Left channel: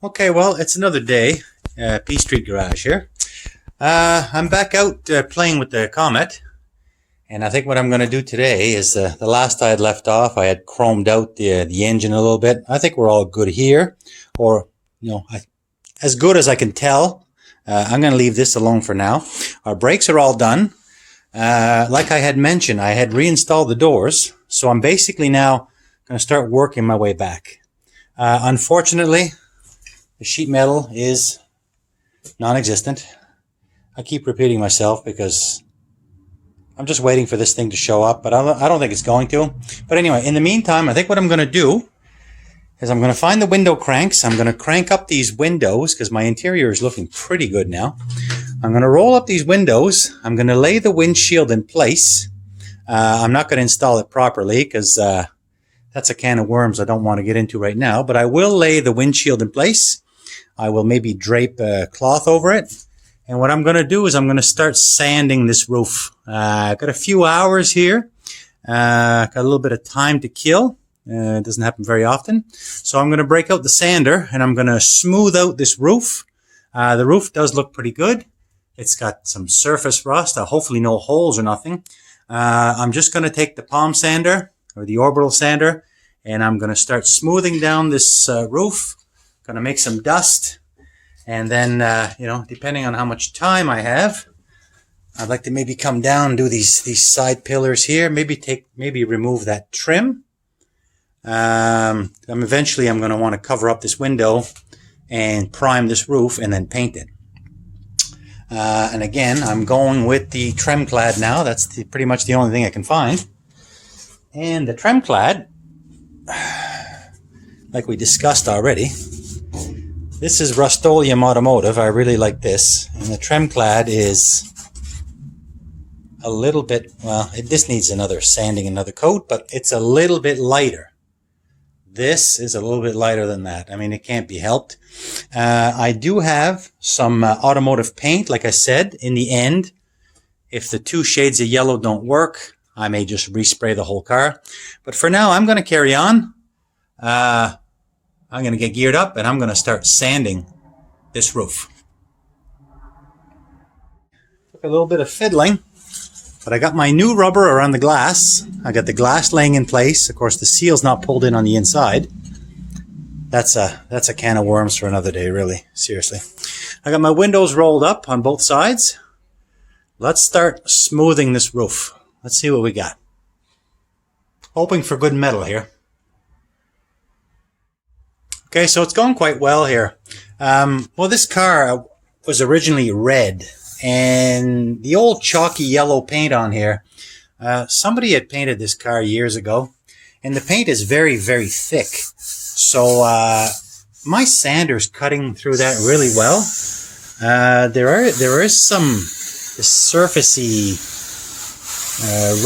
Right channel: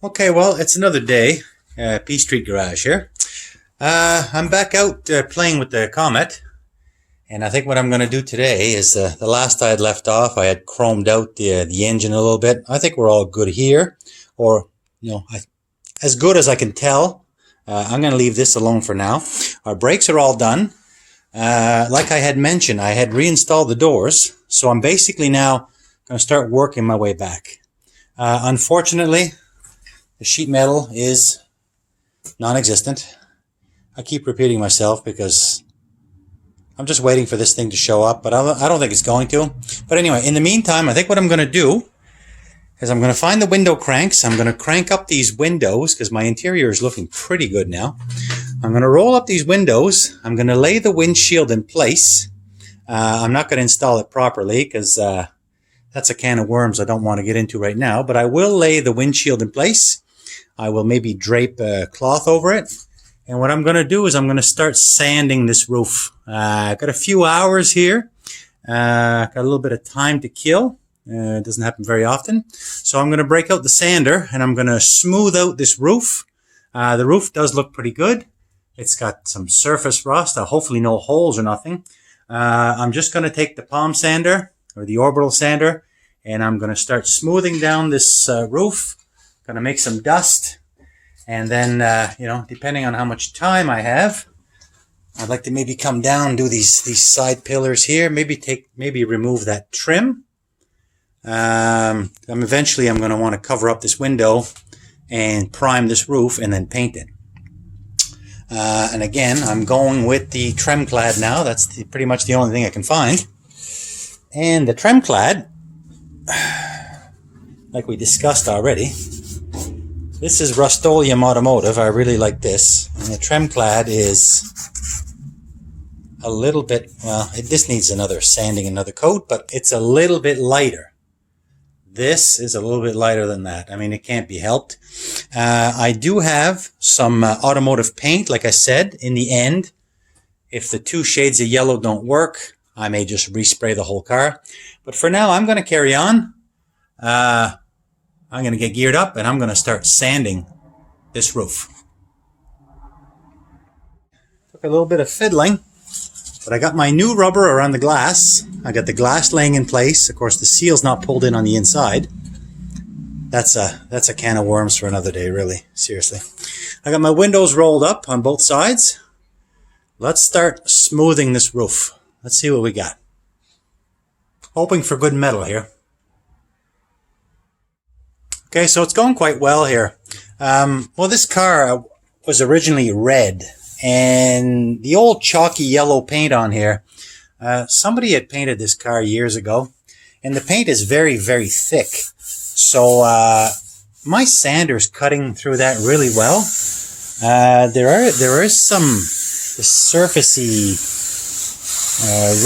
Okay, well, it's another day. P Street Garage here. I'm back out playing with the Comet. And I think what I'm going to do today is the last I had left off, I had chromed out the engine a little bit. I think we're all good here. Or, as good as I can tell. I'm going to leave this alone for now. Our brakes are all done. Like I had mentioned, I had reinstalled the doors. So I'm basically now going to start working my way back. Unfortunately, the sheet metal is non-existent. I keep repeating myself because I'm just waiting for this thing to show up, but I don't think it's going to. But anyway, in the meantime, I think what I'm going to do is I'm going to find the window cranks. I'm going to crank up these windows because my interior is looking pretty good now. I'm going to roll up these windows. I'm going to lay the windshield in place. I'm not going to install it properly because that's a can of worms I don't want to get into right now, but I will lay the windshield in place. I will maybe drape a cloth over it. And what I'm going to do is I'm going to start sanding this roof. I've got a few hours here. Got a little bit of time to kill. It doesn't happen very often. So I'm going to break out the sander and I'm going to smooth out this roof. The roof does look pretty good. It's got some surface rust, hopefully no holes or nothing. I'm just going to take the palm sander or the orbital sander and I'm going to start smoothing down this roof. Going to make some dust. And then, depending on how much time I have, I'd like to maybe come down and do these side pillars here. Maybe remove that trim. Eventually I'm going to want to cover up this window and prime this roof and then paint it. And again, I'm going with the Tremclad now. That's pretty much the only thing I can find. And the Tremclad, like we discussed already, this is Rust-Oleum Automotive. I really like this. And the Tremclad is a little bit, this needs another sanding, another coat, but it's a little bit lighter. This is a little bit lighter than that. I mean, it can't be helped. I do have some automotive paint, like I said, in the end. If the two shades of yellow don't work, I may just respray the whole car. But for now, I'm going to carry on. I'm going to get geared up and I'm going to start sanding this roof. Took a little bit of fiddling, but I got my new rubber around the glass. I got the glass laying in place. Of course, the seal's not pulled in on the inside. That's a can of worms for another day, really. Seriously. I got my windows rolled up on both sides. Let's start smoothing this roof. Let's see what we got. Hoping for good metal here. Okay, so it's going quite well here. This car was originally red, and the old chalky yellow paint on here, somebody had painted this car years ago, and the paint is very, very thick. So my sander's cutting through that really well. There is some surfacey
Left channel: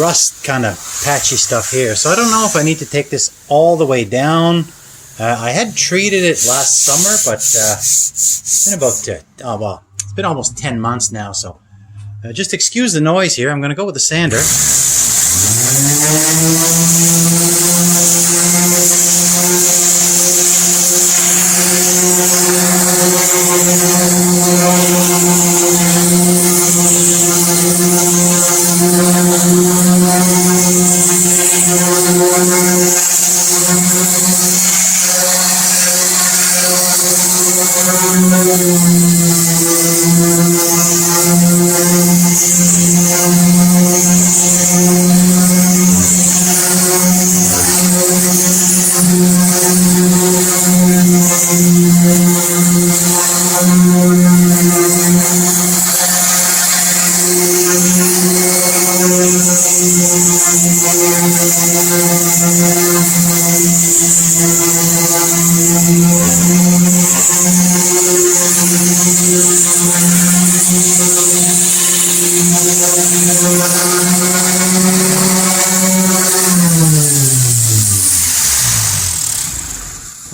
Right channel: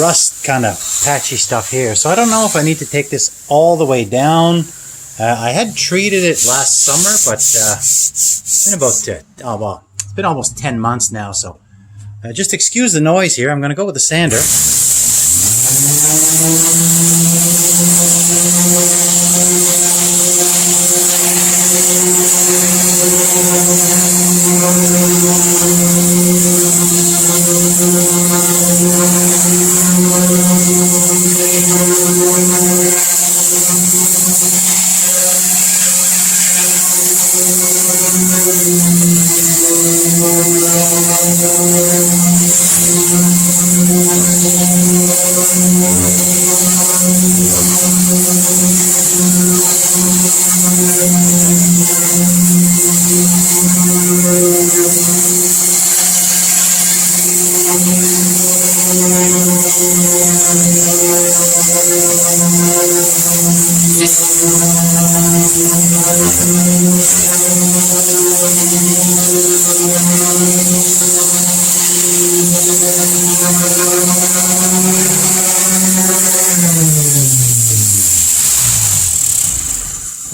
rust kind of patchy stuff here. So I don't know if I need to take this all the way down. I had treated it last summer, but it's been almost 10 months now, so just excuse the noise here. I'm going to go with the sander.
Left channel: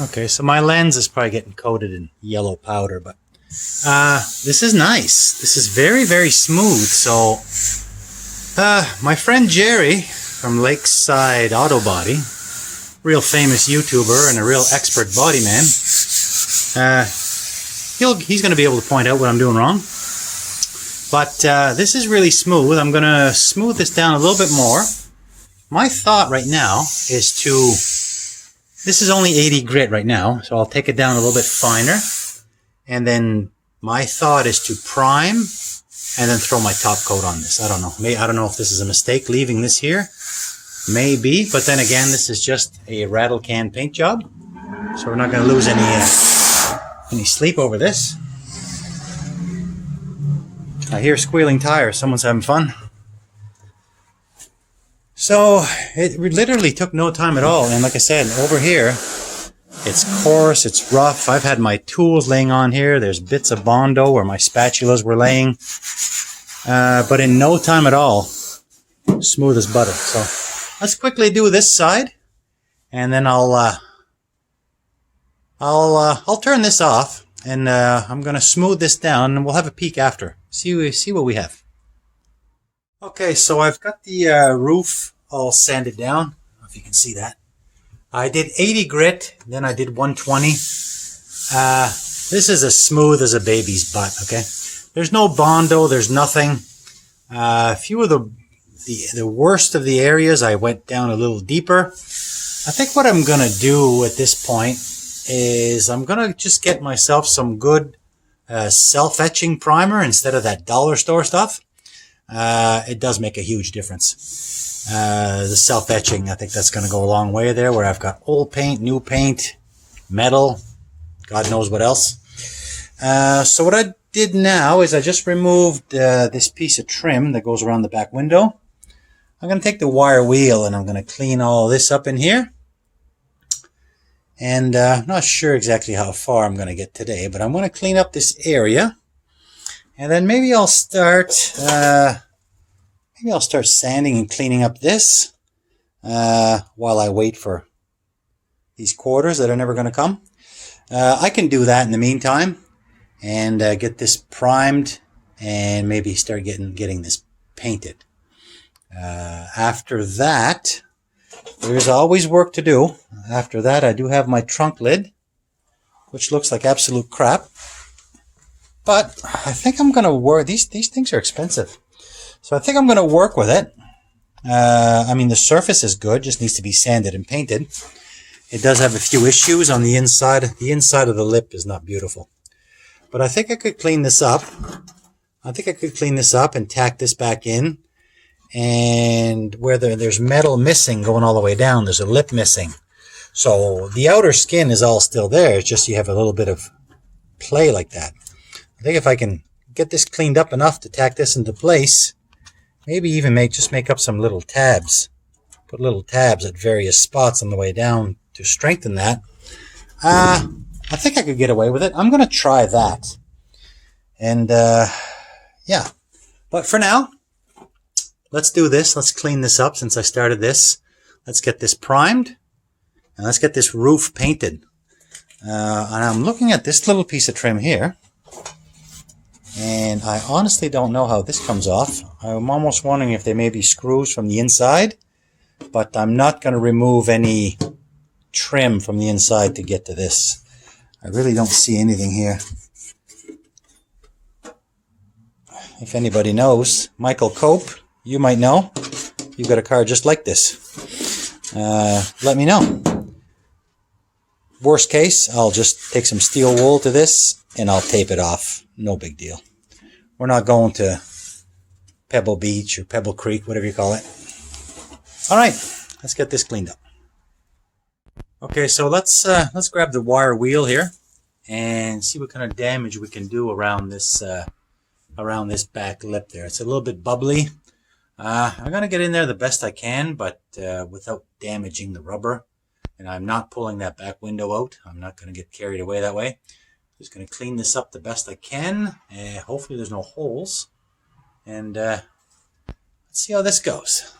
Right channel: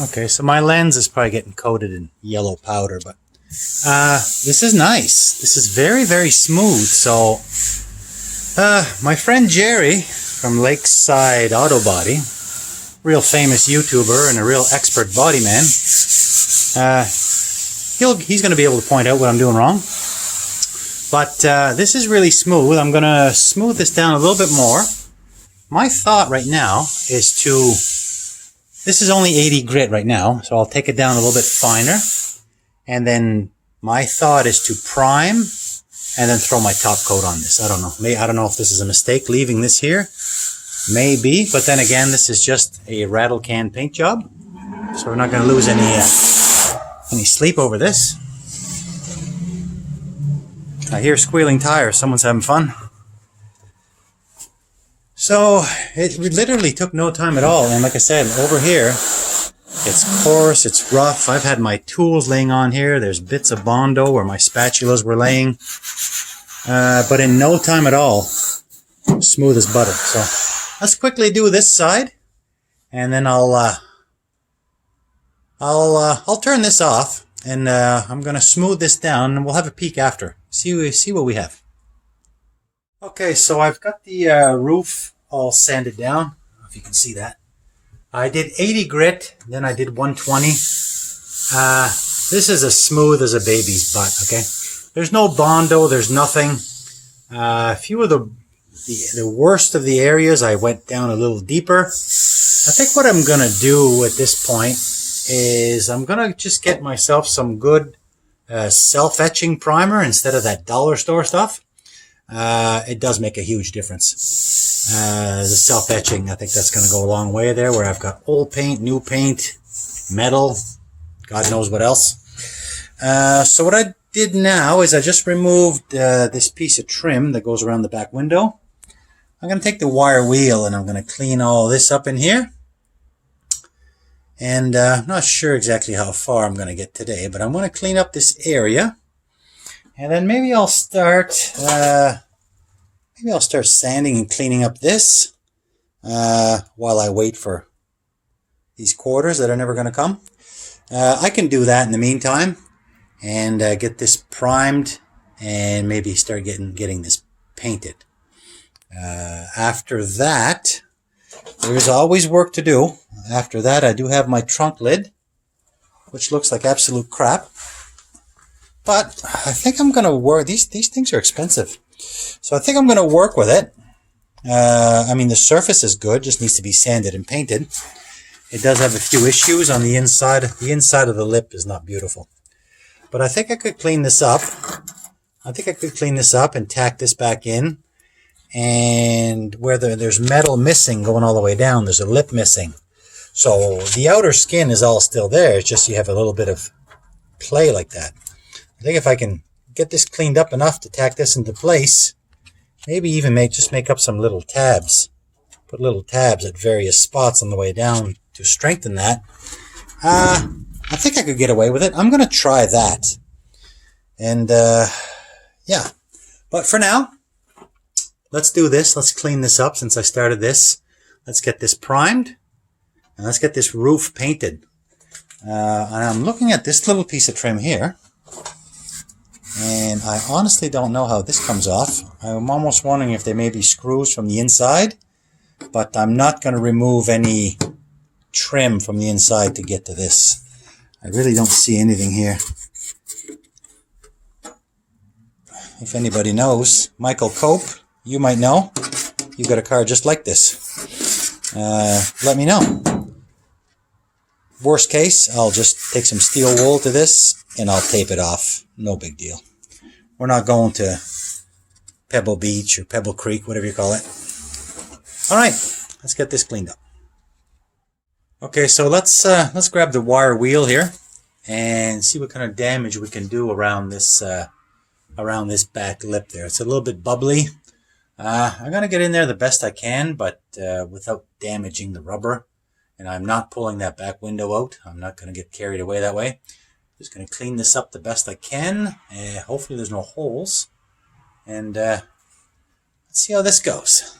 Okay, so my lens is probably getting coated in yellow powder, but this is nice. This is very, very smooth. So my friend Jerry from Lakeside Auto Body, real famous YouTuber and a real expert body man, he's going to be able to point out what I'm doing wrong. But this is really smooth. I'm going to smooth this down a little bit more. My thought right now is to... This is only 80 grit right now, so I'll take it down a little bit finer. And then my thought is to prime and then throw my top coat on this. I don't know. I don't know if this is a mistake leaving this here. Maybe, but then again, this is just a rattle can paint job. So we're not going to lose any sleep over this. I hear squealing tires. Someone's having fun. So it literally took no time at all. And like I said, over here, it's coarse, it's rough. I've had my tools laying on here. There's bits of Bondo where my spatulas were laying. But in no time at all, smooth as butter. So let's quickly do this side. And then I'll turn this off. And I'm going to smooth this down and we'll have a peek after. See what we have. Okay, so I've got the roof all sanded down. I don't know if you can see that. I did 80 grit, then I did 120. This is as smooth as a baby's butt, okay? There's no Bondo, there's nothing. A few of the worst of the areas, I went down a little deeper. I think what I'm going to do at this point is I'm going to just get myself some good self-etching primer instead of that dollar store stuff. It does make a huge difference. The self-etching, I think that's going to go a long way there, where I've got old paint, new paint, metal, God knows what else. So what I did now is I just removed this piece of trim that goes around the back window. I'm going to take the wire wheel and I'm going to clean all this up in here. And I'm not sure exactly how far I'm going to get today, but I'm going to clean up this area. And then maybe I'll start sanding and cleaning up this while I wait for these quarters that are never going to come. I can do that in the meantime and get this primed and maybe start getting this painted. After that, there's always work to do. After that, I do have my trunk lid, which looks like absolute crap. But I think I'm going to work. These things are expensive. So I think I'm going to work with it. I mean, the surface is good. Just needs to be sanded and painted. It does have a few issues on the inside. The inside of the lip is not beautiful. But I think I could clean this up. And tack this back in. And where there's metal missing going all the way down, there's a lip missing. So the outer skin is all still there. It's just you have a little bit of play like that. I think if I can get this cleaned up enough to tack this into place, maybe even make up some little tabs. Put little tabs at various spots on the way down to strengthen that. I think I could get away with it. I'm going to try that. And, yeah. But for now, let's do this. Let's clean this up since I started this. Let's get this primed. And let's get this roof painted. And I'm looking at this little piece of trim here. And I honestly don't know how this comes off. I'm almost wondering if there may be screws from the inside. But I'm not going to remove any trim from the inside to get to this. I really don't see anything here. If anybody knows, Michael Cope, you might know. You've got a car just like this. Let me know. Worst case, I'll just take some steel wool to this and I'll tape it off. No big deal. We're not going to Pebble Beach or Pebble Creek, whatever you call it. All right, let's get this cleaned up. Okay, so let's grab the wire wheel here and see what kind of damage we can do around this back lip there. It's a little bit bubbly. I'm gonna get in there the best I can, but without damaging the rubber. And I'm not pulling that back window out. I'm not gonna get carried away that way. Just gonna clean this up the best I can. Hopefully there's no holes. And let's see how this goes.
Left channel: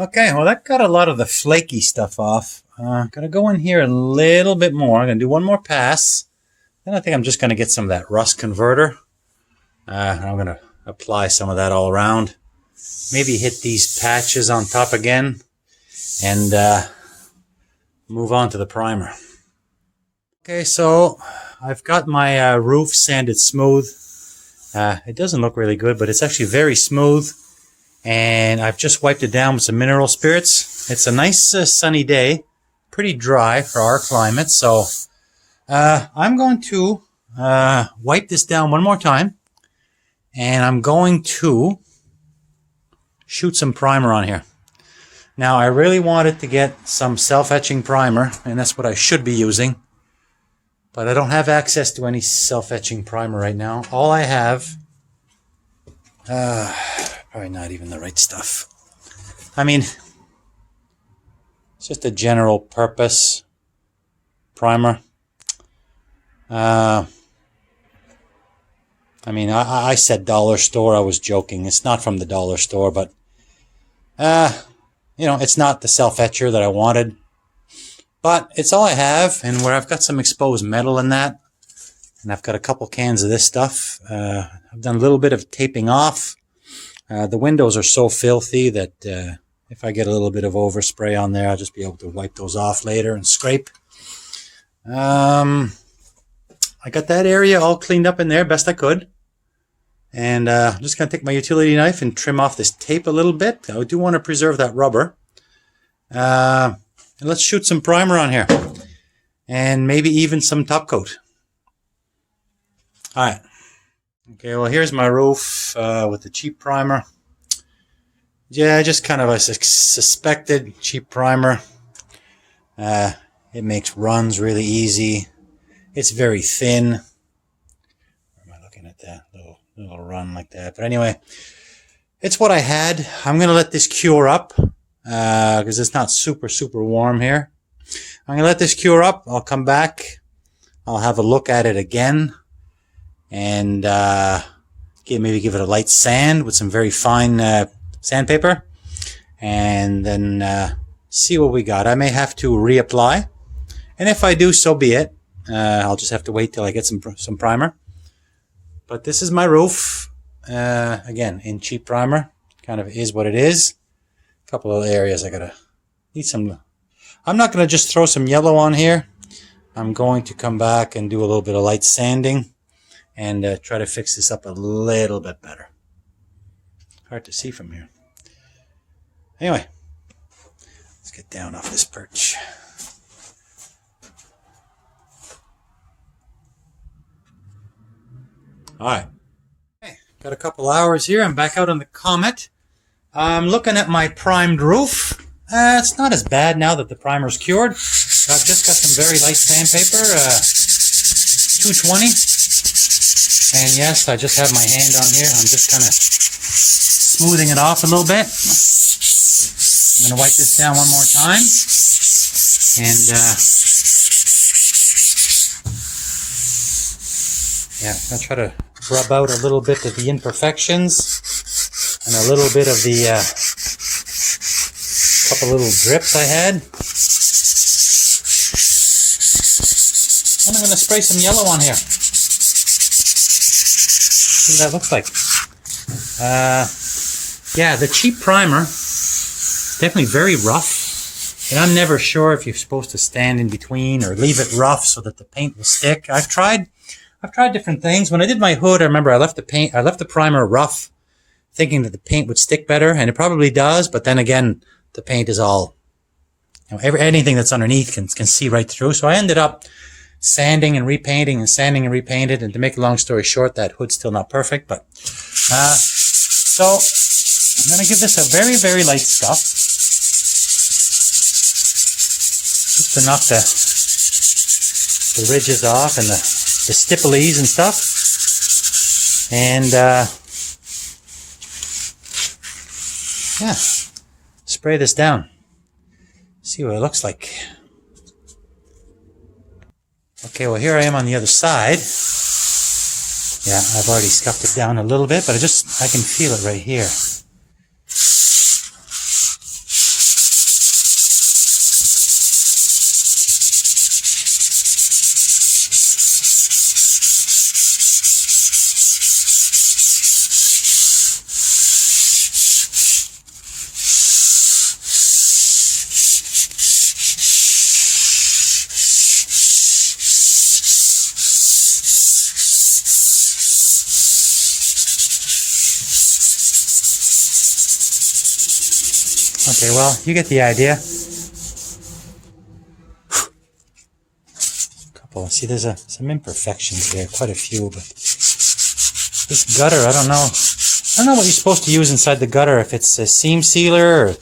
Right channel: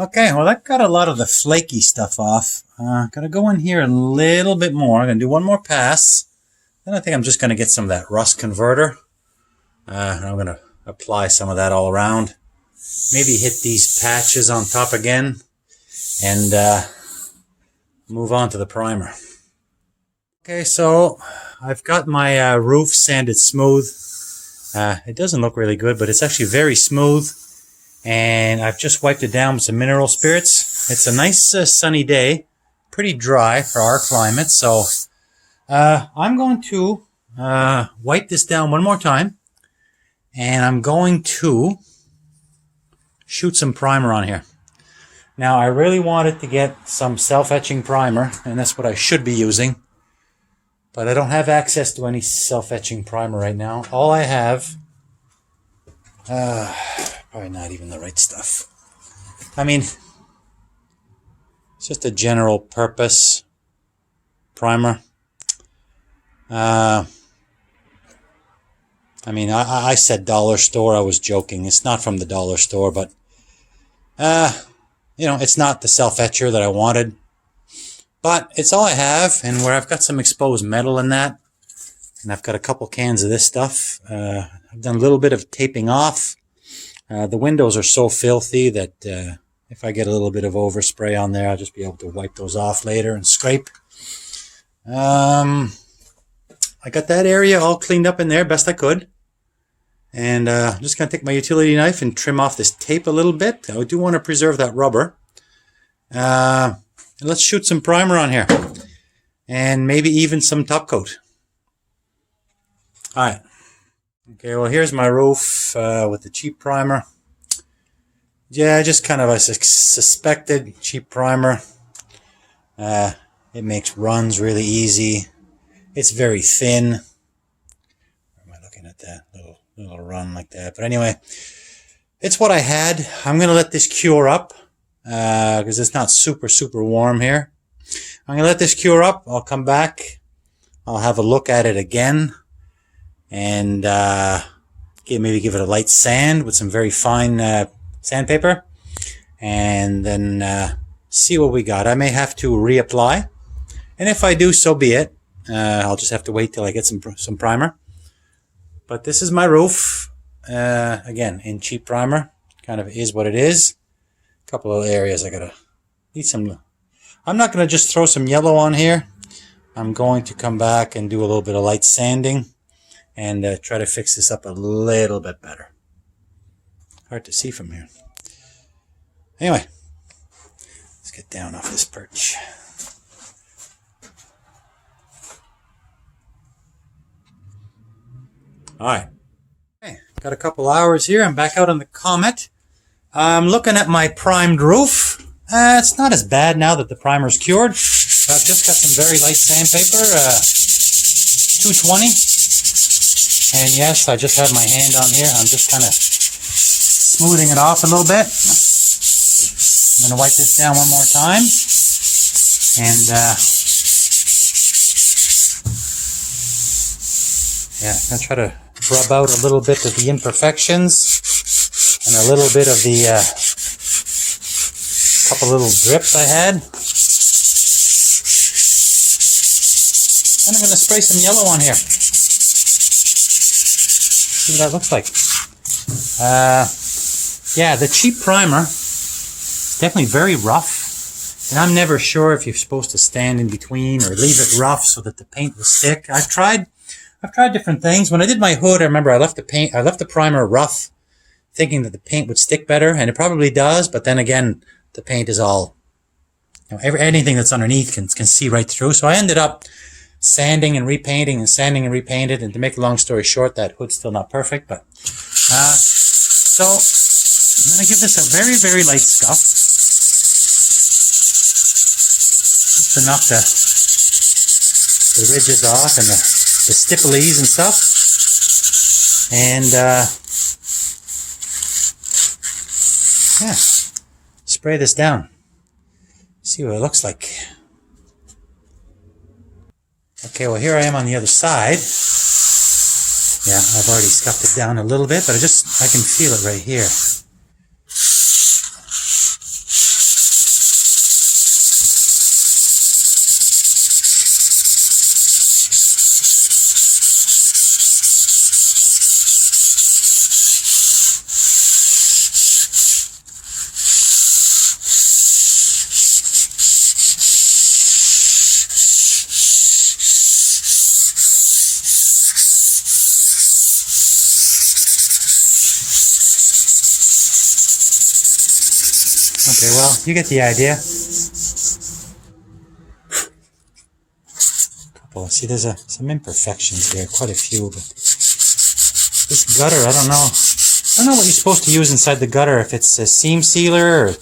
Okay, well that got a lot of the flaky stuff off. Gonna go in here a little bit more. I'm gonna do one more pass. Then I think I'm just gonna get some of that rust converter. I'm gonna apply some of that all around. Maybe hit these patches on top again, and move on to the primer. Okay, so I've got my roof sanded smooth. It doesn't look really good, but it's actually very smooth. And I've just wiped it down with some mineral spirits. It's a nice sunny day, pretty dry for our climate. So I'm going to wipe this down one more time, and I'm going to shoot some primer on here. Now I really wanted to get some self-etching primer, and that's what I should be using, but I don't have access to any self-etching primer right now. All I have, probably not even the right stuff. I mean, it's just a general purpose primer. I mean, I said dollar store. I was joking. It's not from the dollar store, but you know, it's not the self-etcher that I wanted. But it's all I have, and where I've got some exposed metal in that, and I've got a couple cans of this stuff. I've done a little bit of taping off. The windows are so filthy that if I get a little bit of overspray on there, I'll just be able to wipe those off later and scrape. I got that area all cleaned up in there best I could. And I'm just going to take my utility knife and trim off this tape a little bit. I do want to preserve that rubber. And let's shoot some primer on here. And maybe even some top coat. Alright. Okay, well here's my roof with the cheap primer. Yeah, just kind of a suspected cheap primer. It makes runs really easy. It's very thin. Where am I looking at that? Little run like that. But anyway, it's what I had. I'm going to let this cure up because it's not super warm here. I'm going to let this cure up. I'll come back. I'll have a look at it again. And maybe give it a light sand with some very fine sandpaper. And then see what we got. I may have to reapply. And if I do, so be it. I'll just have to wait till I get some primer. But this is my roof. Again, in cheap primer. Kind of is what it is. A couple of areas I gotta need some. I'm not gonna just throw some yellow on here. I'm going to come back and do a little bit of light sanding and try to fix this up a little bit better. Hard to see from here. Anyway, let's get down off this perch. Alright, okay, got a couple hours here. I'm back out on the Comet. I'm looking at my primed roof. It's not as bad now that the primer's cured. I've just got some very light sandpaper, 220. And yes, I just have my hand on here. I'm just kind of smoothing it off a little bit. I'm going to wipe this down one more time. And yeah, I'm going to try to rub out a little bit of the imperfections and a little bit of the couple little drips I had. And I'm going to spray some yellow on here. See what that looks like. Yeah, the cheap primer, definitely very rough. And I'm never sure if you're supposed to stand in between or leave it rough so that the paint will stick. I've tried different things. When I did my hood, I remember I left the primer rough, thinking that the paint would stick better, and it probably does. But then again, the paint is all, anything that's underneath can see right through. So I ended up sanding and repainting and sanding and repainted. And to make a long story short, that hood's still not perfect. But so I'm going to give this a very light scuff, just enough to the ridges off and the stipplies and stuff. And yeah, spray this down. See what it looks like. Okay, well here I am on the other side. Yeah, I've already scuffed it down a little bit, but I can feel it right here. Okay, well, you get the idea. Couple. See, there's some imperfections there, quite a few, but this gutter, I don't know. I don't know what you're supposed to use inside the gutter, if it's a seam sealer or...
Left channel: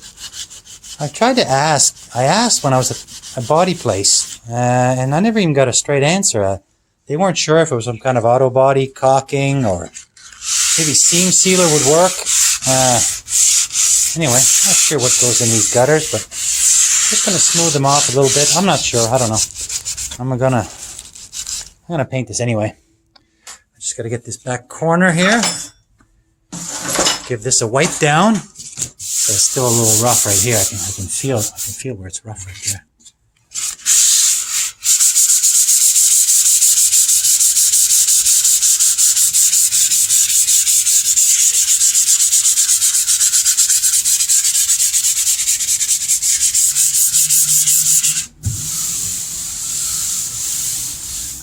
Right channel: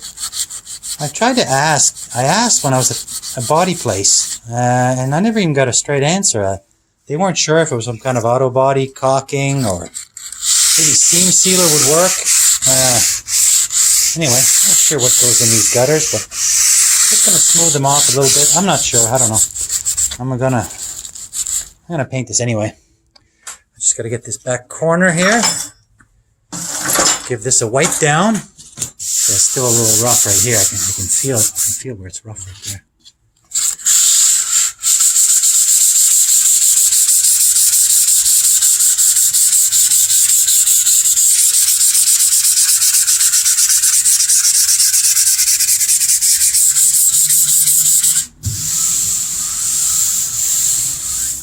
I tried to ask. I asked when I was at a body place, and I never even got a straight answer. They weren't sure if it was some kind of auto body caulking or maybe seam sealer would work. Anyway, not sure what goes in these gutters, but just going to smooth them off a little bit. I'm not sure. I don't know. I'm gonna paint this anyway. I just got to get this back corner here. Give this a wipe down. It's still a little rough right here. I can feel where it's rough right there.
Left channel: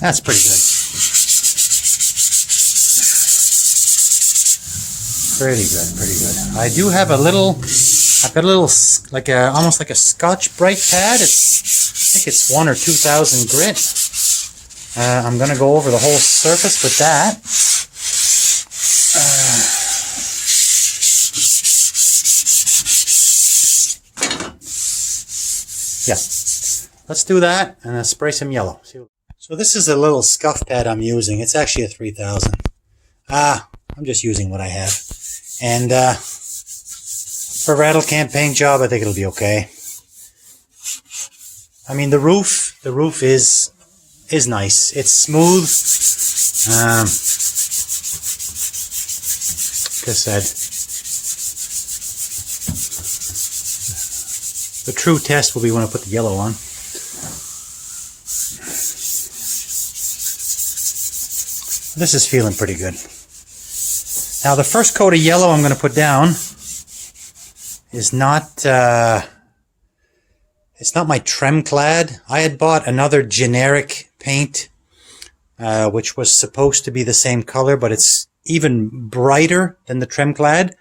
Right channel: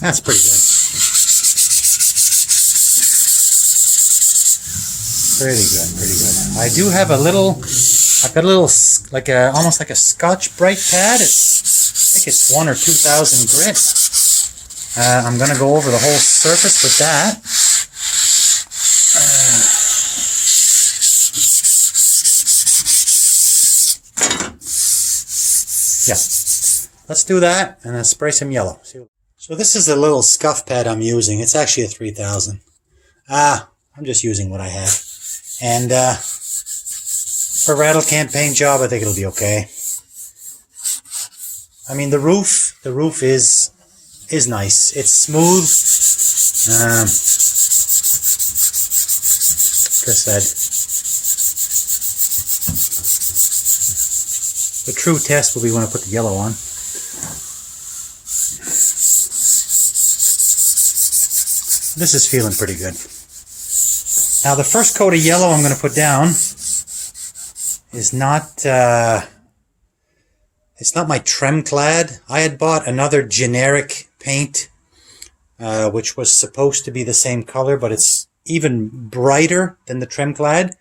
That's pretty good. Pretty good. I do have I've got a little, almost like a Scotch Brite pad. I think it's 1,000 or 2,000 grit. I'm going to go over the whole surface with that. Yeah, let's do that and then spray some yellow. So this is a little scuff pad I'm using. It's actually a 3,000. I'm just using what I have. And for a rattle can paint job, I think it'll be okay. I mean, the roof is nice. It's smooth. Just said. The true test will be when I put the yellow on. This is feeling pretty good. Now the first coat of yellow I'm going to put down is not, it's not my Tremclad. I had bought another generic paint, which was supposed to be the same color, but it's even brighter than the Tremclad.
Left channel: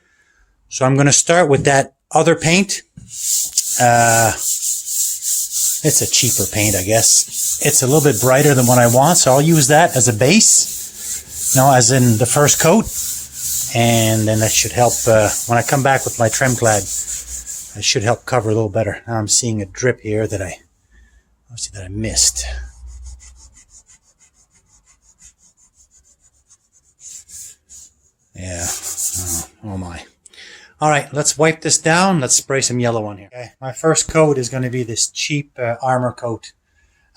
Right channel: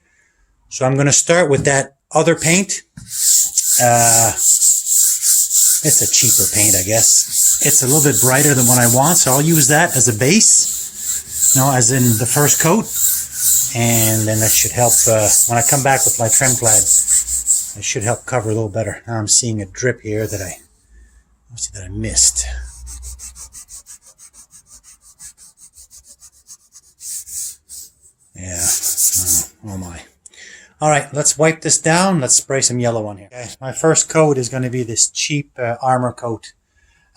So I'm going to start with that other paint. It's a cheaper paint, I guess. It's a little bit brighter than what I want, so I'll use that as a base. As in the first coat, and then that should help when I come back with my Tremclad. It should help cover a little better. Now I'm seeing a drip here that I missed. Yeah. Oh my. All right, let's wipe this down. Let's spray some yellow on here. Okay, my first coat is going to be this cheap armor coat.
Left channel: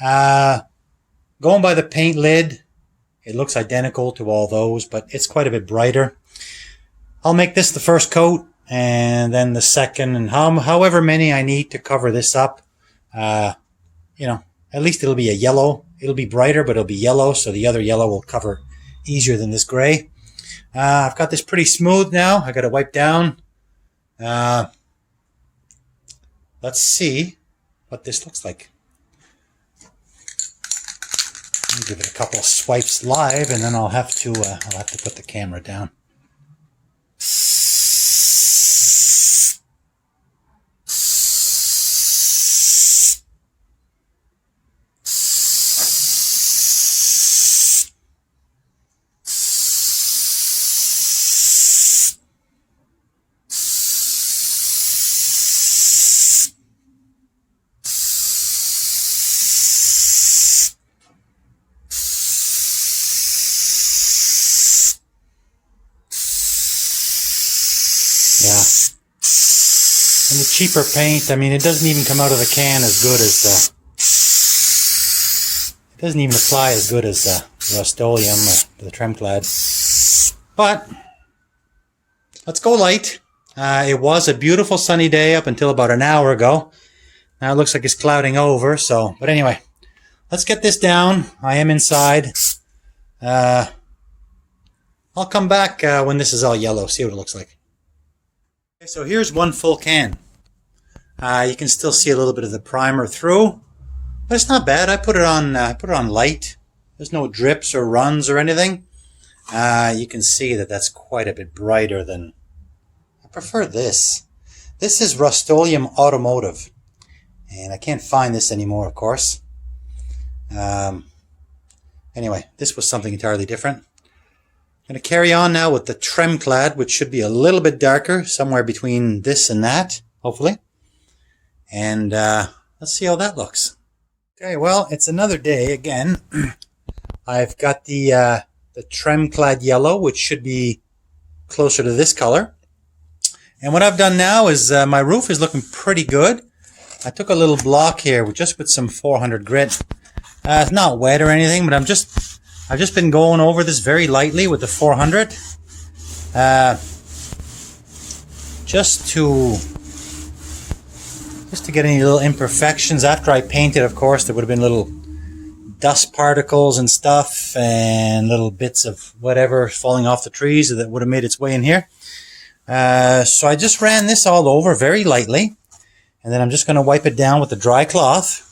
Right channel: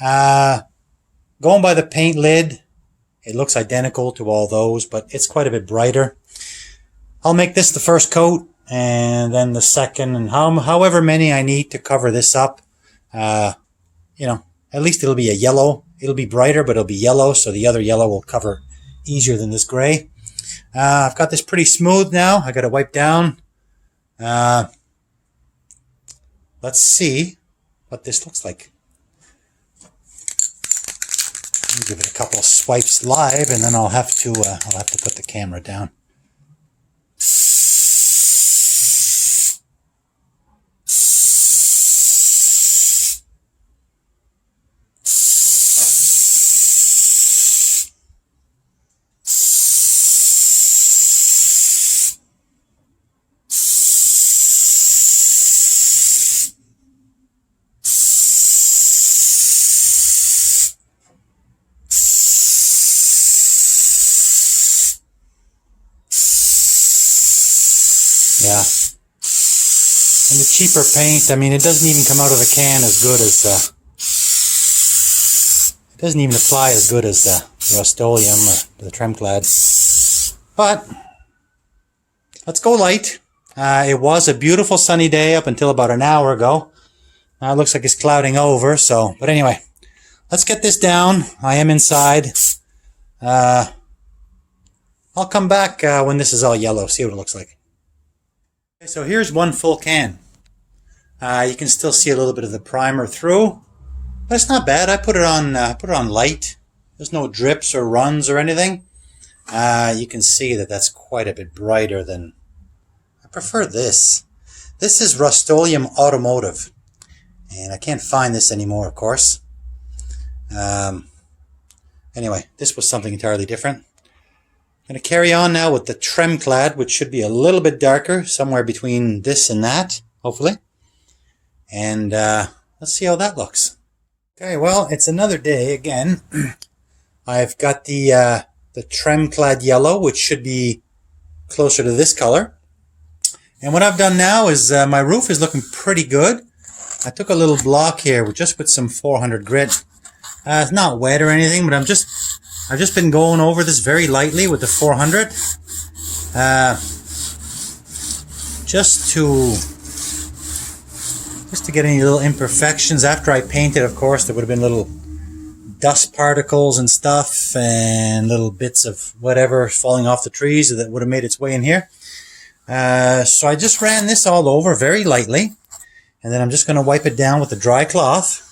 Going by the paint lid. It looks identical to all those, but it's quite a bit brighter. I'll make this the first coat, and then the second, and however many I need to cover this up. At least it'll be a yellow. It'll be brighter, but it'll be yellow, so the other yellow will cover easier than this gray. I've got this pretty smooth now. I got to wipe down. Let's see what this looks like. I'll give it a couple of swipes live, and then I'll have to put the camera down. Yeah. And the cheaper paint, I mean, it doesn't even come out of the can as good as, it doesn't even apply as good as Rust-Oleum or the Tremclad. But, let's go light. It was a beautiful sunny day up until about an hour ago. Now it looks like it's clouding over, but anyway. Let's get this down. I am inside. I'll come back when this is all yellow, see what it looks like. Okay, so here's one full can. You can still see a little bit of the primer through, but it's not bad. I put it on light. There's no drips or runs or anything. You can see that that's quite a bit brighter than. I prefer this. This is Rust-Oleum Automotive. And I can't find this anymore, of course. Anyway, this was something entirely different. I'm going to carry on now with the Tremclad, which should be a little bit darker, somewhere between this and that, hopefully. And let's see how that looks. Okay, well, it's another day again. I've got the Tremclad yellow, which should be closer to this color. And what I've done now is my roof is looking pretty good. I took a little block here with some 400 grit. It's not wet or anything, but I've just been going over this very lightly with the 400, just to get any little imperfections. After I painted, of course, there would have been little dust particles and stuff, and little bits of whatever falling off the trees that would have made its way in here. So I just ran this all over very lightly, and then I'm just going to wipe it down with the dry cloth.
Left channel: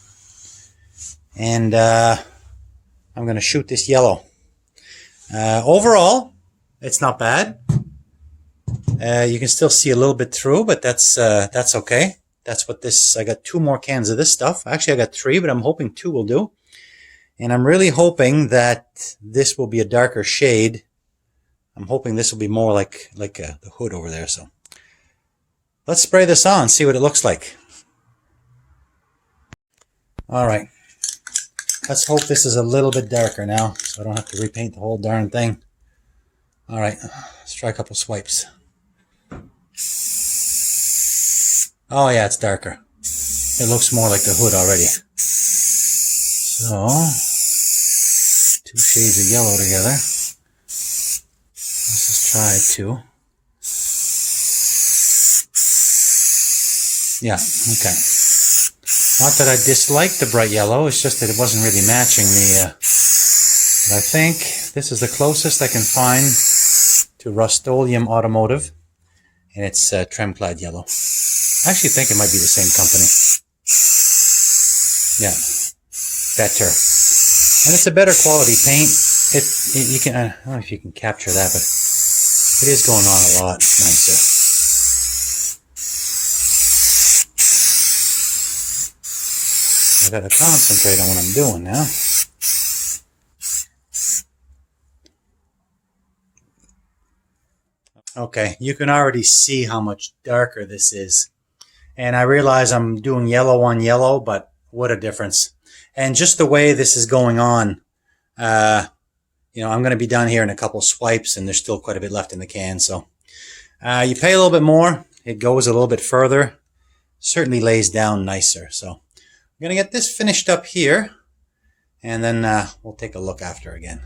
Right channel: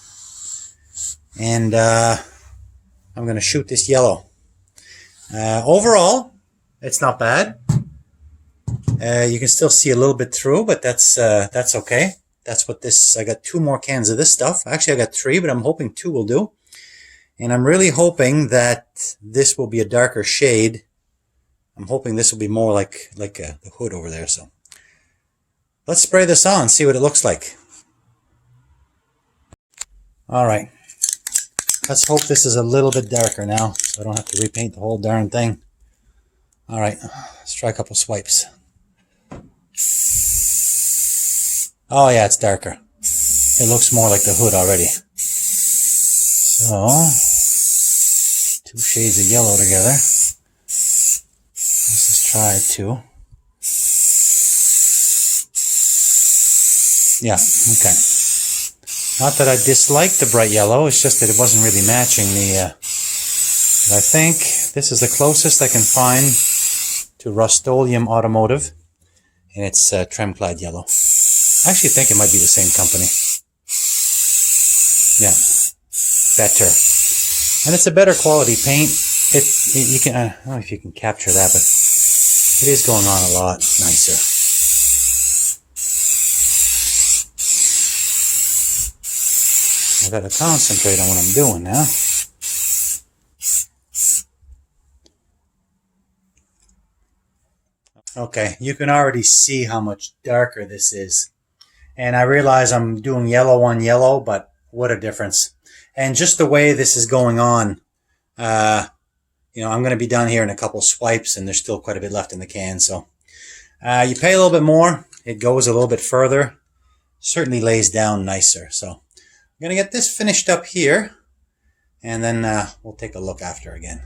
And I'm going to shoot this yellow. Overall, it's not bad. You can still see a little bit through, but that's okay. That's what this. I got 2 more cans of this stuff. Actually, I got 3, but I'm hoping 2 will do. And I'm really hoping that this will be a darker shade. I'm hoping this will be more like the hood over there. So let's spray this on, see what it looks like. All right. Let's hope this is a little bit darker now, so I don't have to repaint the whole darn thing. All right, let's try a couple swipes. Oh yeah, it's darker. It looks more like the hood already. So, 2 shades of yellow together. Let's just try 2. Yeah, okay. Not that I dislike the bright yellow, it's just that it wasn't really matching the... But I think this is the closest I can find to Rust-Oleum Automotive, and it's Tremclad yellow. I actually think it might be the same company. Yeah, better. And it's a better quality paint. You can, I don't know if you can capture that, but it is going on a lot nicer. I gotta concentrate on what I'm doing now. Okay, you can already see how much darker this is. And I realize I'm doing yellow on yellow, but what a difference. And just the way this is going on, I'm going to be done here in a couple swipes, and there's still quite a bit left in the can. So you pay a little bit more, it goes a little bit further, certainly lays down nicer. So I'm going to get this finished up here, and then we'll take a look after again.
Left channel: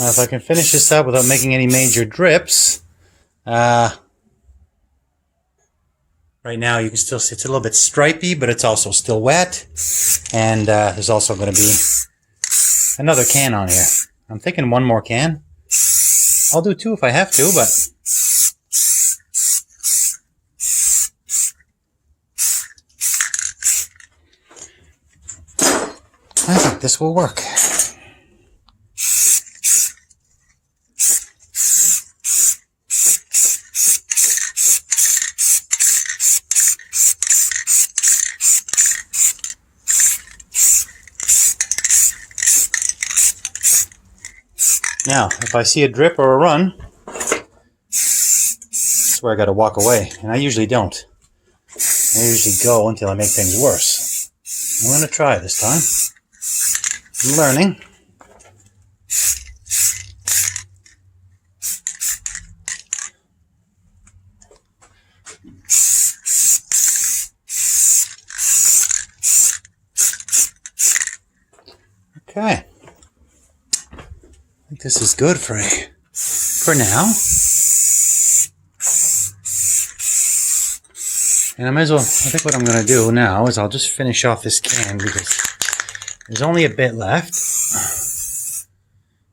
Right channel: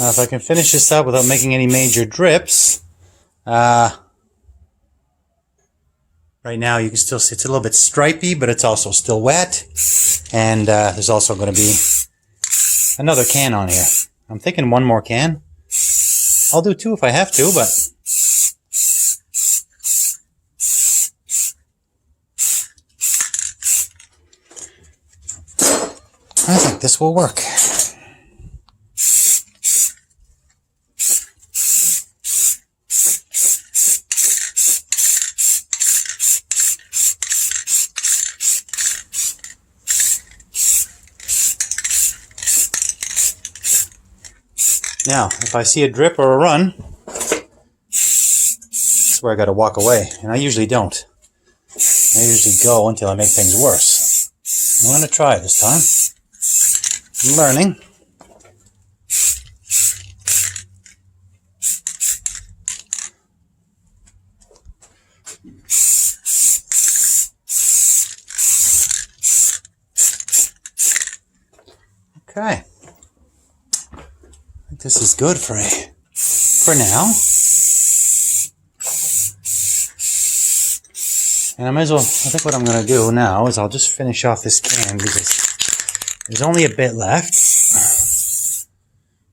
If I can finish this up without making any major drips, right now you can still see it's a little bit stripy, but it's also still wet. And there's also going to be another can on here. I'm thinking 1 more can. I'll do 2 if I have to, but... I think this will work. Now, if I see a drip or a run, that's where I got to walk away. And I usually don't. I usually go until I make things worse. I'm going to try this time. I'm learning. Okay. I think this is good for now. And I might as well, I think what I'm going to do now is I'll just finish off this can because there's only a bit left.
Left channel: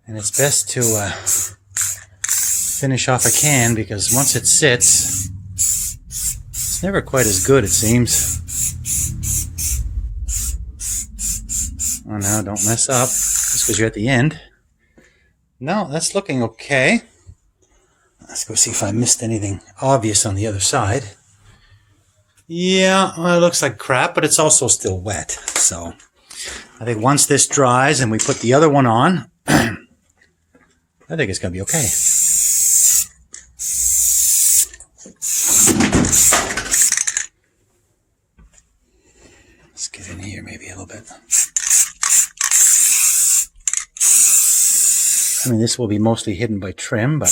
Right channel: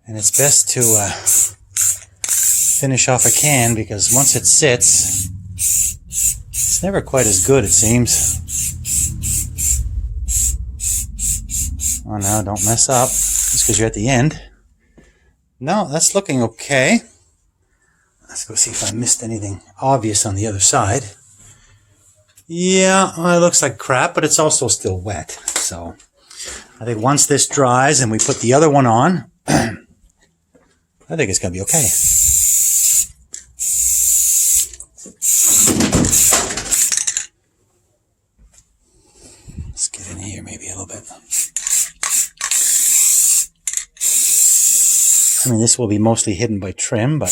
And it's best to finish off a can because once it sits, it's never quite as good, it seems. Oh no, don't mess up just because you're at the end. No, that's looking okay. Let's go see if I missed anything obvious on the other side. Yeah, well, it looks like crap, but it's also still wet. So I think once this dries and we put the other one on, I think it's going to be okay. Let's get in here maybe a little bit. I mean, this will be mostly hidden by trim, but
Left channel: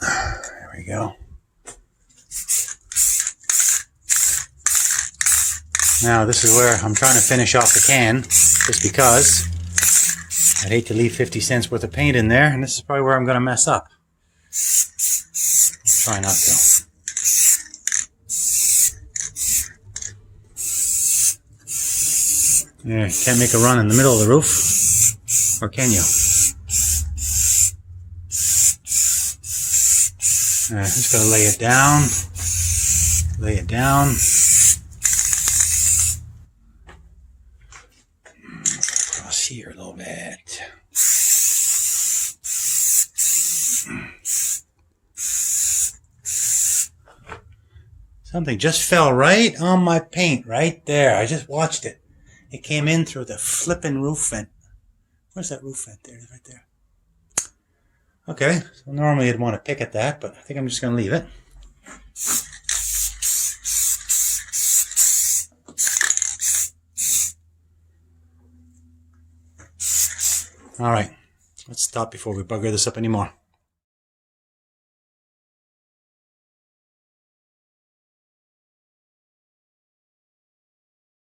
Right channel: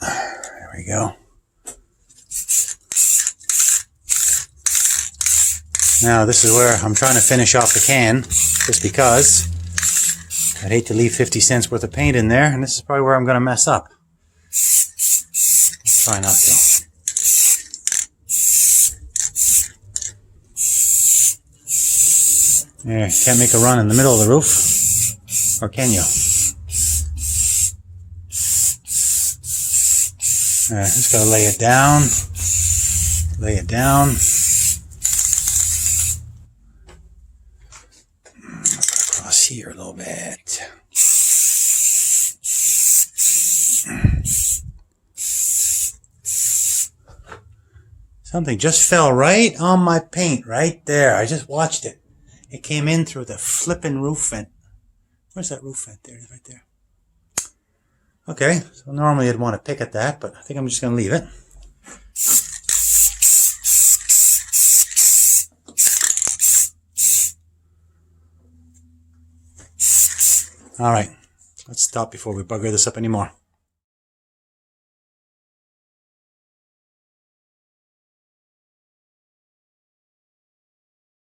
there we go. Now, this is where I'm trying to finish off the can, just because I'd hate to leave 50 cents worth of paint in there, and this is probably where I'm going to mess up. I'll try not to. Yeah, you can't make a run in the middle of the roof. Or can you? Just gotta lay it down. Lay it down. Across here a little bit. Something just fell right on my paint right there. I just watched it. It came in through the flippin' roof vent. Where's that roof vent? There it is right there. Okay, so normally I'd want to pick at that, but I think I'm just going to leave it. All right, let's stop before we bugger this up anymore.